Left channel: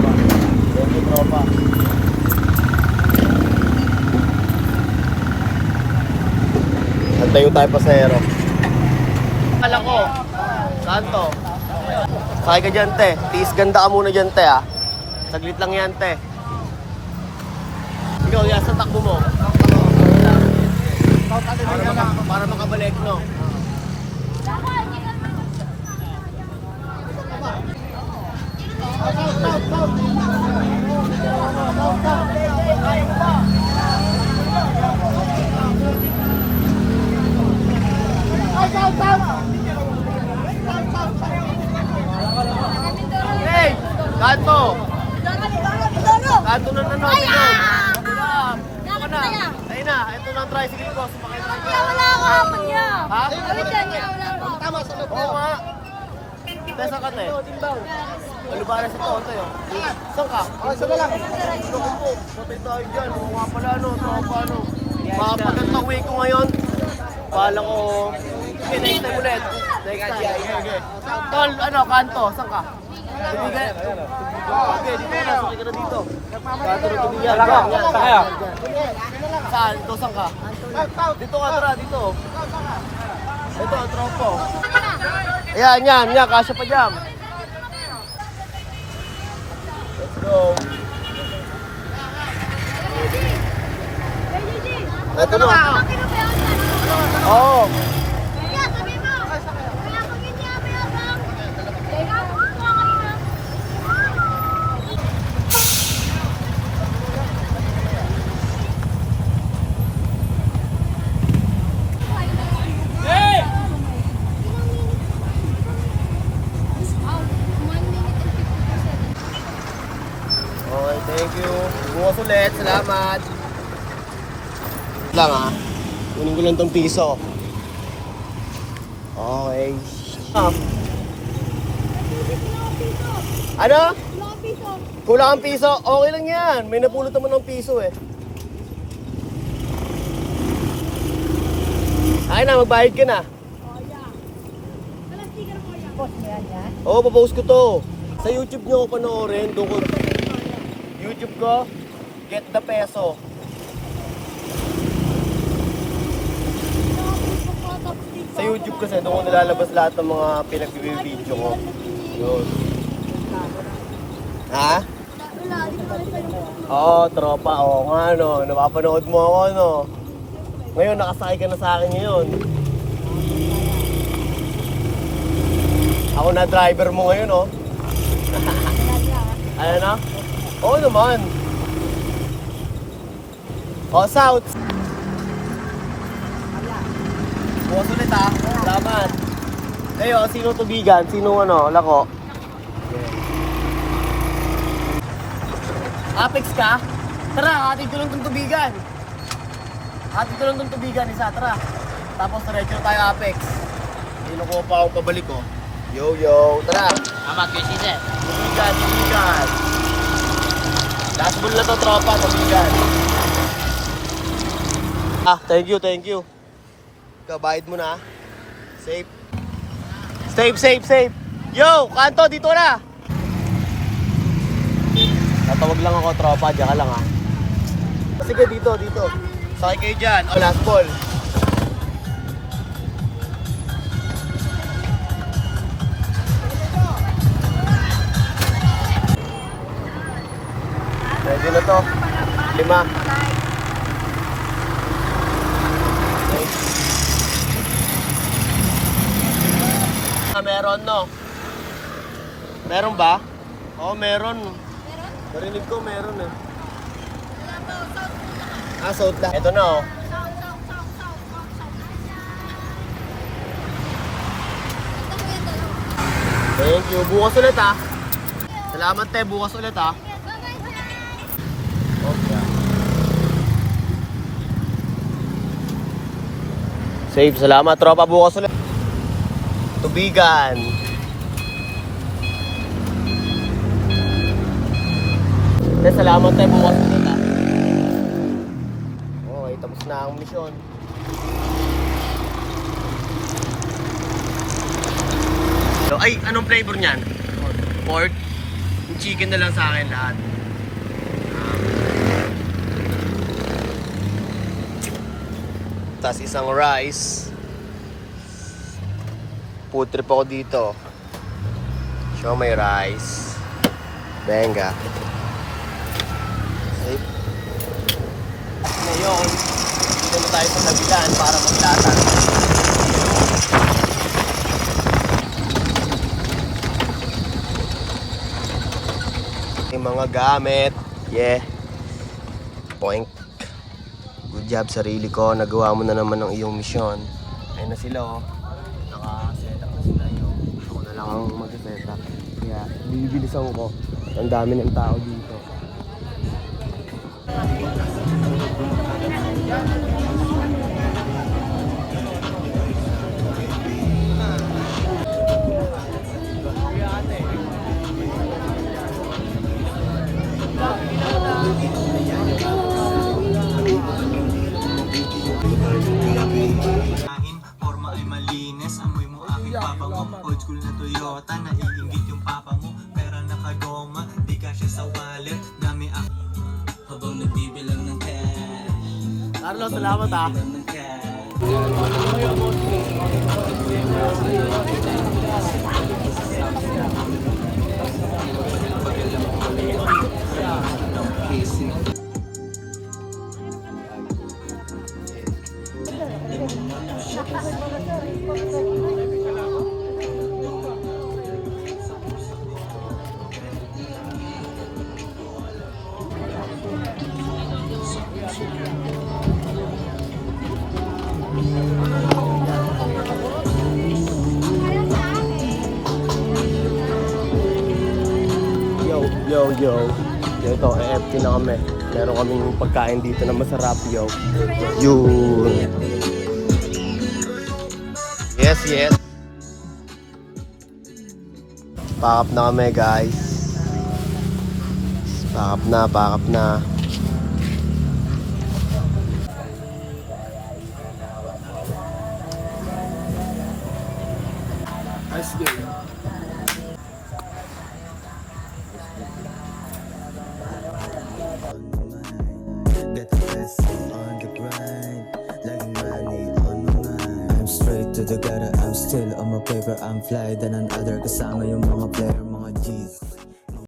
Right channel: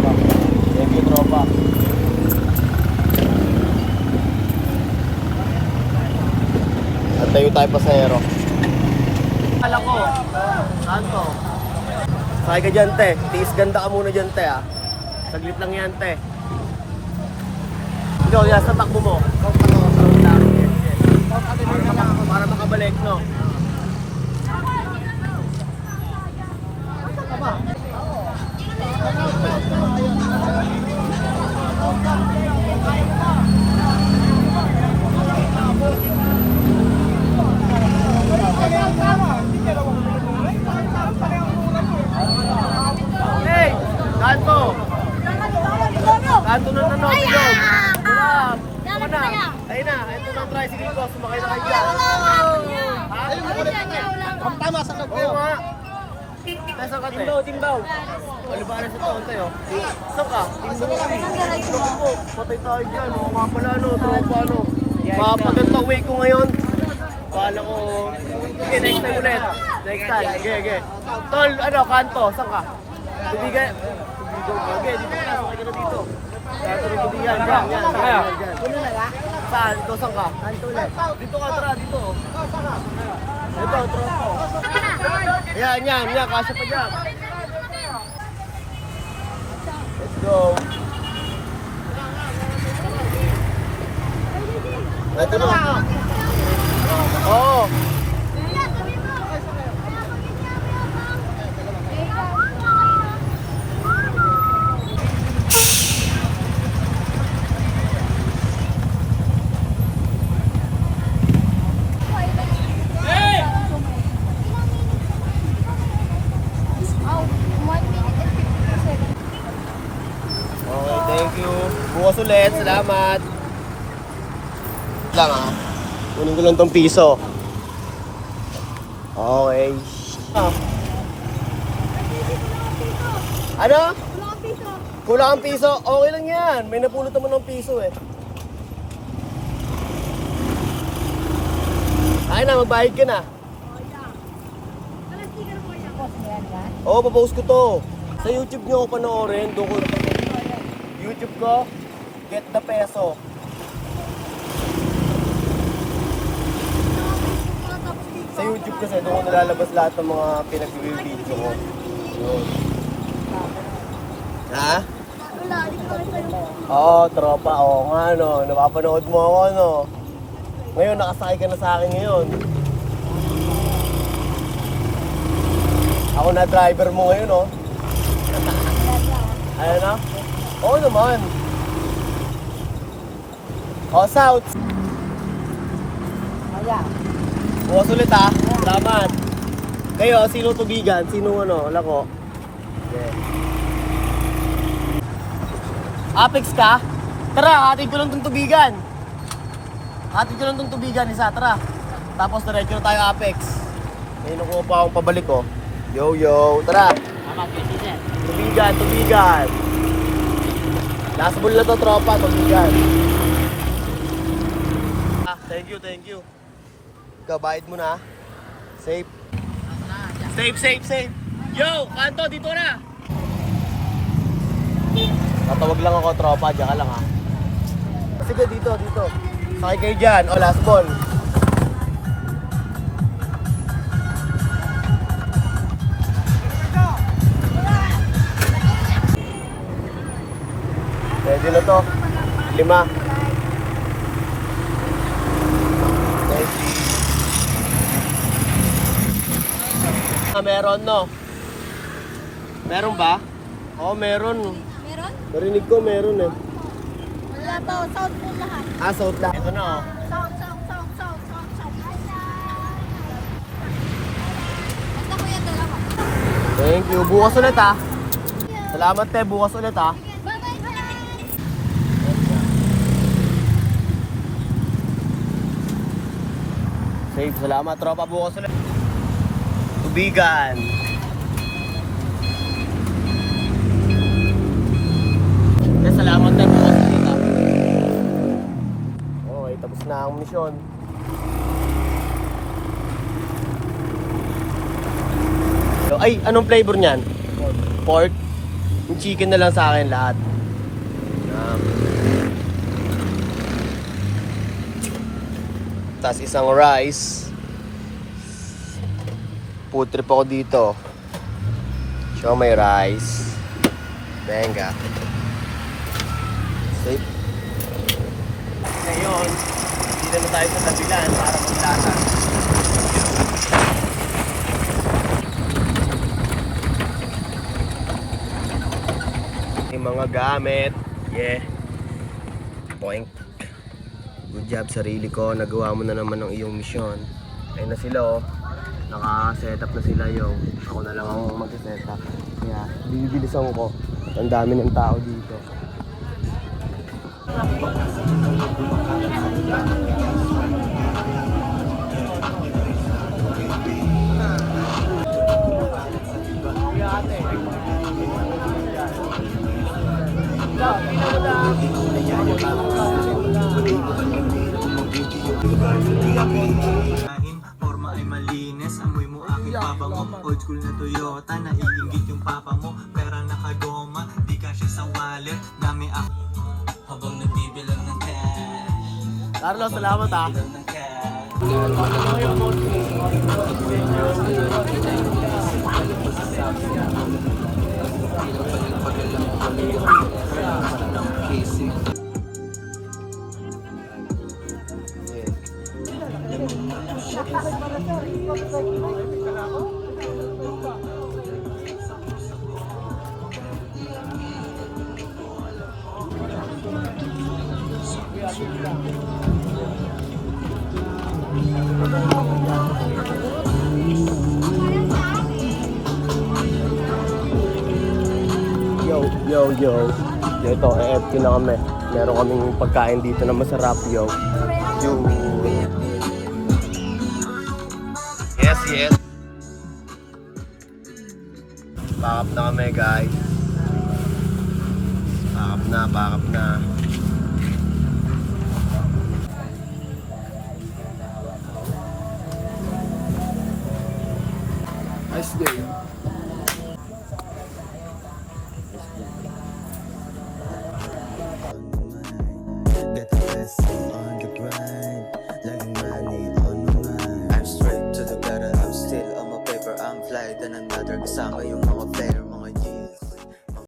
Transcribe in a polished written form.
tropa. Thank you, tropa. Antayo tayo pasahero. Kala ko, kanto. Sakay ka dyan, te. Tiis ganda ka muna dyan, te, ah. Saglit lang yan, te. Ikaw, yan, sa takbo mo. Para makabalik, no? Hey! Kanto! Kanto na nanotin yun! Wala! Ito ka na! Ayun na! Ito na ang tricycle ko! Sumakay na kayo dyan! Ha? Tama sa Oo nga! Tesa ka, te? Ano ba na si Tonte, oh? Saan ka? Loko po! Patay tayo dyan! Oo nga pala, ano? Tropa, ano? Mapagandang way ko ngayon! Pala ko... Sige, next time ulit! Next time! Sige. Tol, ano? Kanto? Saan ka? Tubigan! Okay, dito ka na, sakay ka na dito. Kanto ng tubigan, yan. Saan? Ito, saan ka? Dito ka, tara, dito. Ito, tropo. Yan, kasya pa dyan. Let's go. Ito na. Oo. Okay, thank you. Bukas ulit, salamat. Lang ah. Kunin ko lang tong piso. Okay. Ah. Ano? Kulang ang piso. Okay lang yan. May napulot naman ng piso eh. Ay na, magbayad ka na. Oo, papost ko to. Sa YouTube nyo ako panoorin. Doon ko... YouTube ko, Get the Peso. Sa YouTube kasi, doon ko nilalabas lahat ng mga pinag-video ko. Yun. Ha? Oo, tropa. Oo nga, no. Napapanood mo ako, no. Ngayon, nakasakay ka na sa akin ngayon. Ako na driver mo ngayon, no. Ano na? Oo naman. O, South. Bukas ulit ha. Salamat. Kayo, sino tubigan? Sino ano? Lako? Yeah. Apex ka? Tara, hatid ko lang itong tubigan. Hatid ko lang itong tubigan, isa. Tara. Tapos diretso na tayo Apex. May nakuha pa akong pabalik ko. Yo. Tara. Tubigan. Last ball na to, tropa, tubigan. Thank you. Ikaw, bayad mo na. Safe. Safe. Yo, kanto, dito na. Tatawag lang ako, tropa, diyan ka lang ha. Sige, dito. Sakay kayo dyan. O, last ball. Ready na to. 5. Okay. Meron, no? Meron ba? Oo, meron. Narinig ko meron eh. South po lahat. South lahat. Ito na, oh. Thank you. Bukas ulit, ha. Salamat, te. Bukas ulit, ha. Safe, salamat tropa, bukas ulit. Tubigan. Salamat tayo, bukas ulit ha. Okay, tapos na ang misyon. Ay, anong flavor niyan? Pork. Yung chicken na lang sa akin lahat. Tapos isang rice. Food trip ako dito. Show may rice. Benga. Safe. Ngayon, dito na tayo sa tabilan para maglatan. Yung mga gamit. Yeah. Point. Good job, sarili ko. Nagawa mo na naman ang iyong misyon. Ayun na sila oh. Naka-set up na sila yo. Ako na lang ang mag-set up. Kaya bibilisan ko. At ang dami ng tao dito. Forma ay malinis, amoy mo aking pabango. Old school na Toyota, naiingit yung papa mo. Pera nakagoma, di kasya sa wallet. Dami ako habang nagbibilang ng cash. Carlo, salamat ah. Bilang ng cash. Yo. Ito, EFT na kami. Meron kaming pagkain dito na masarap, yo. Yes. Pack up na kami, guys. Pack up na. Nice day. Get the blessing on the grind. Laging money on my mind. I'm straight to the gutter, I'm still on my paper. I'm fly than another kasama yung mga fair.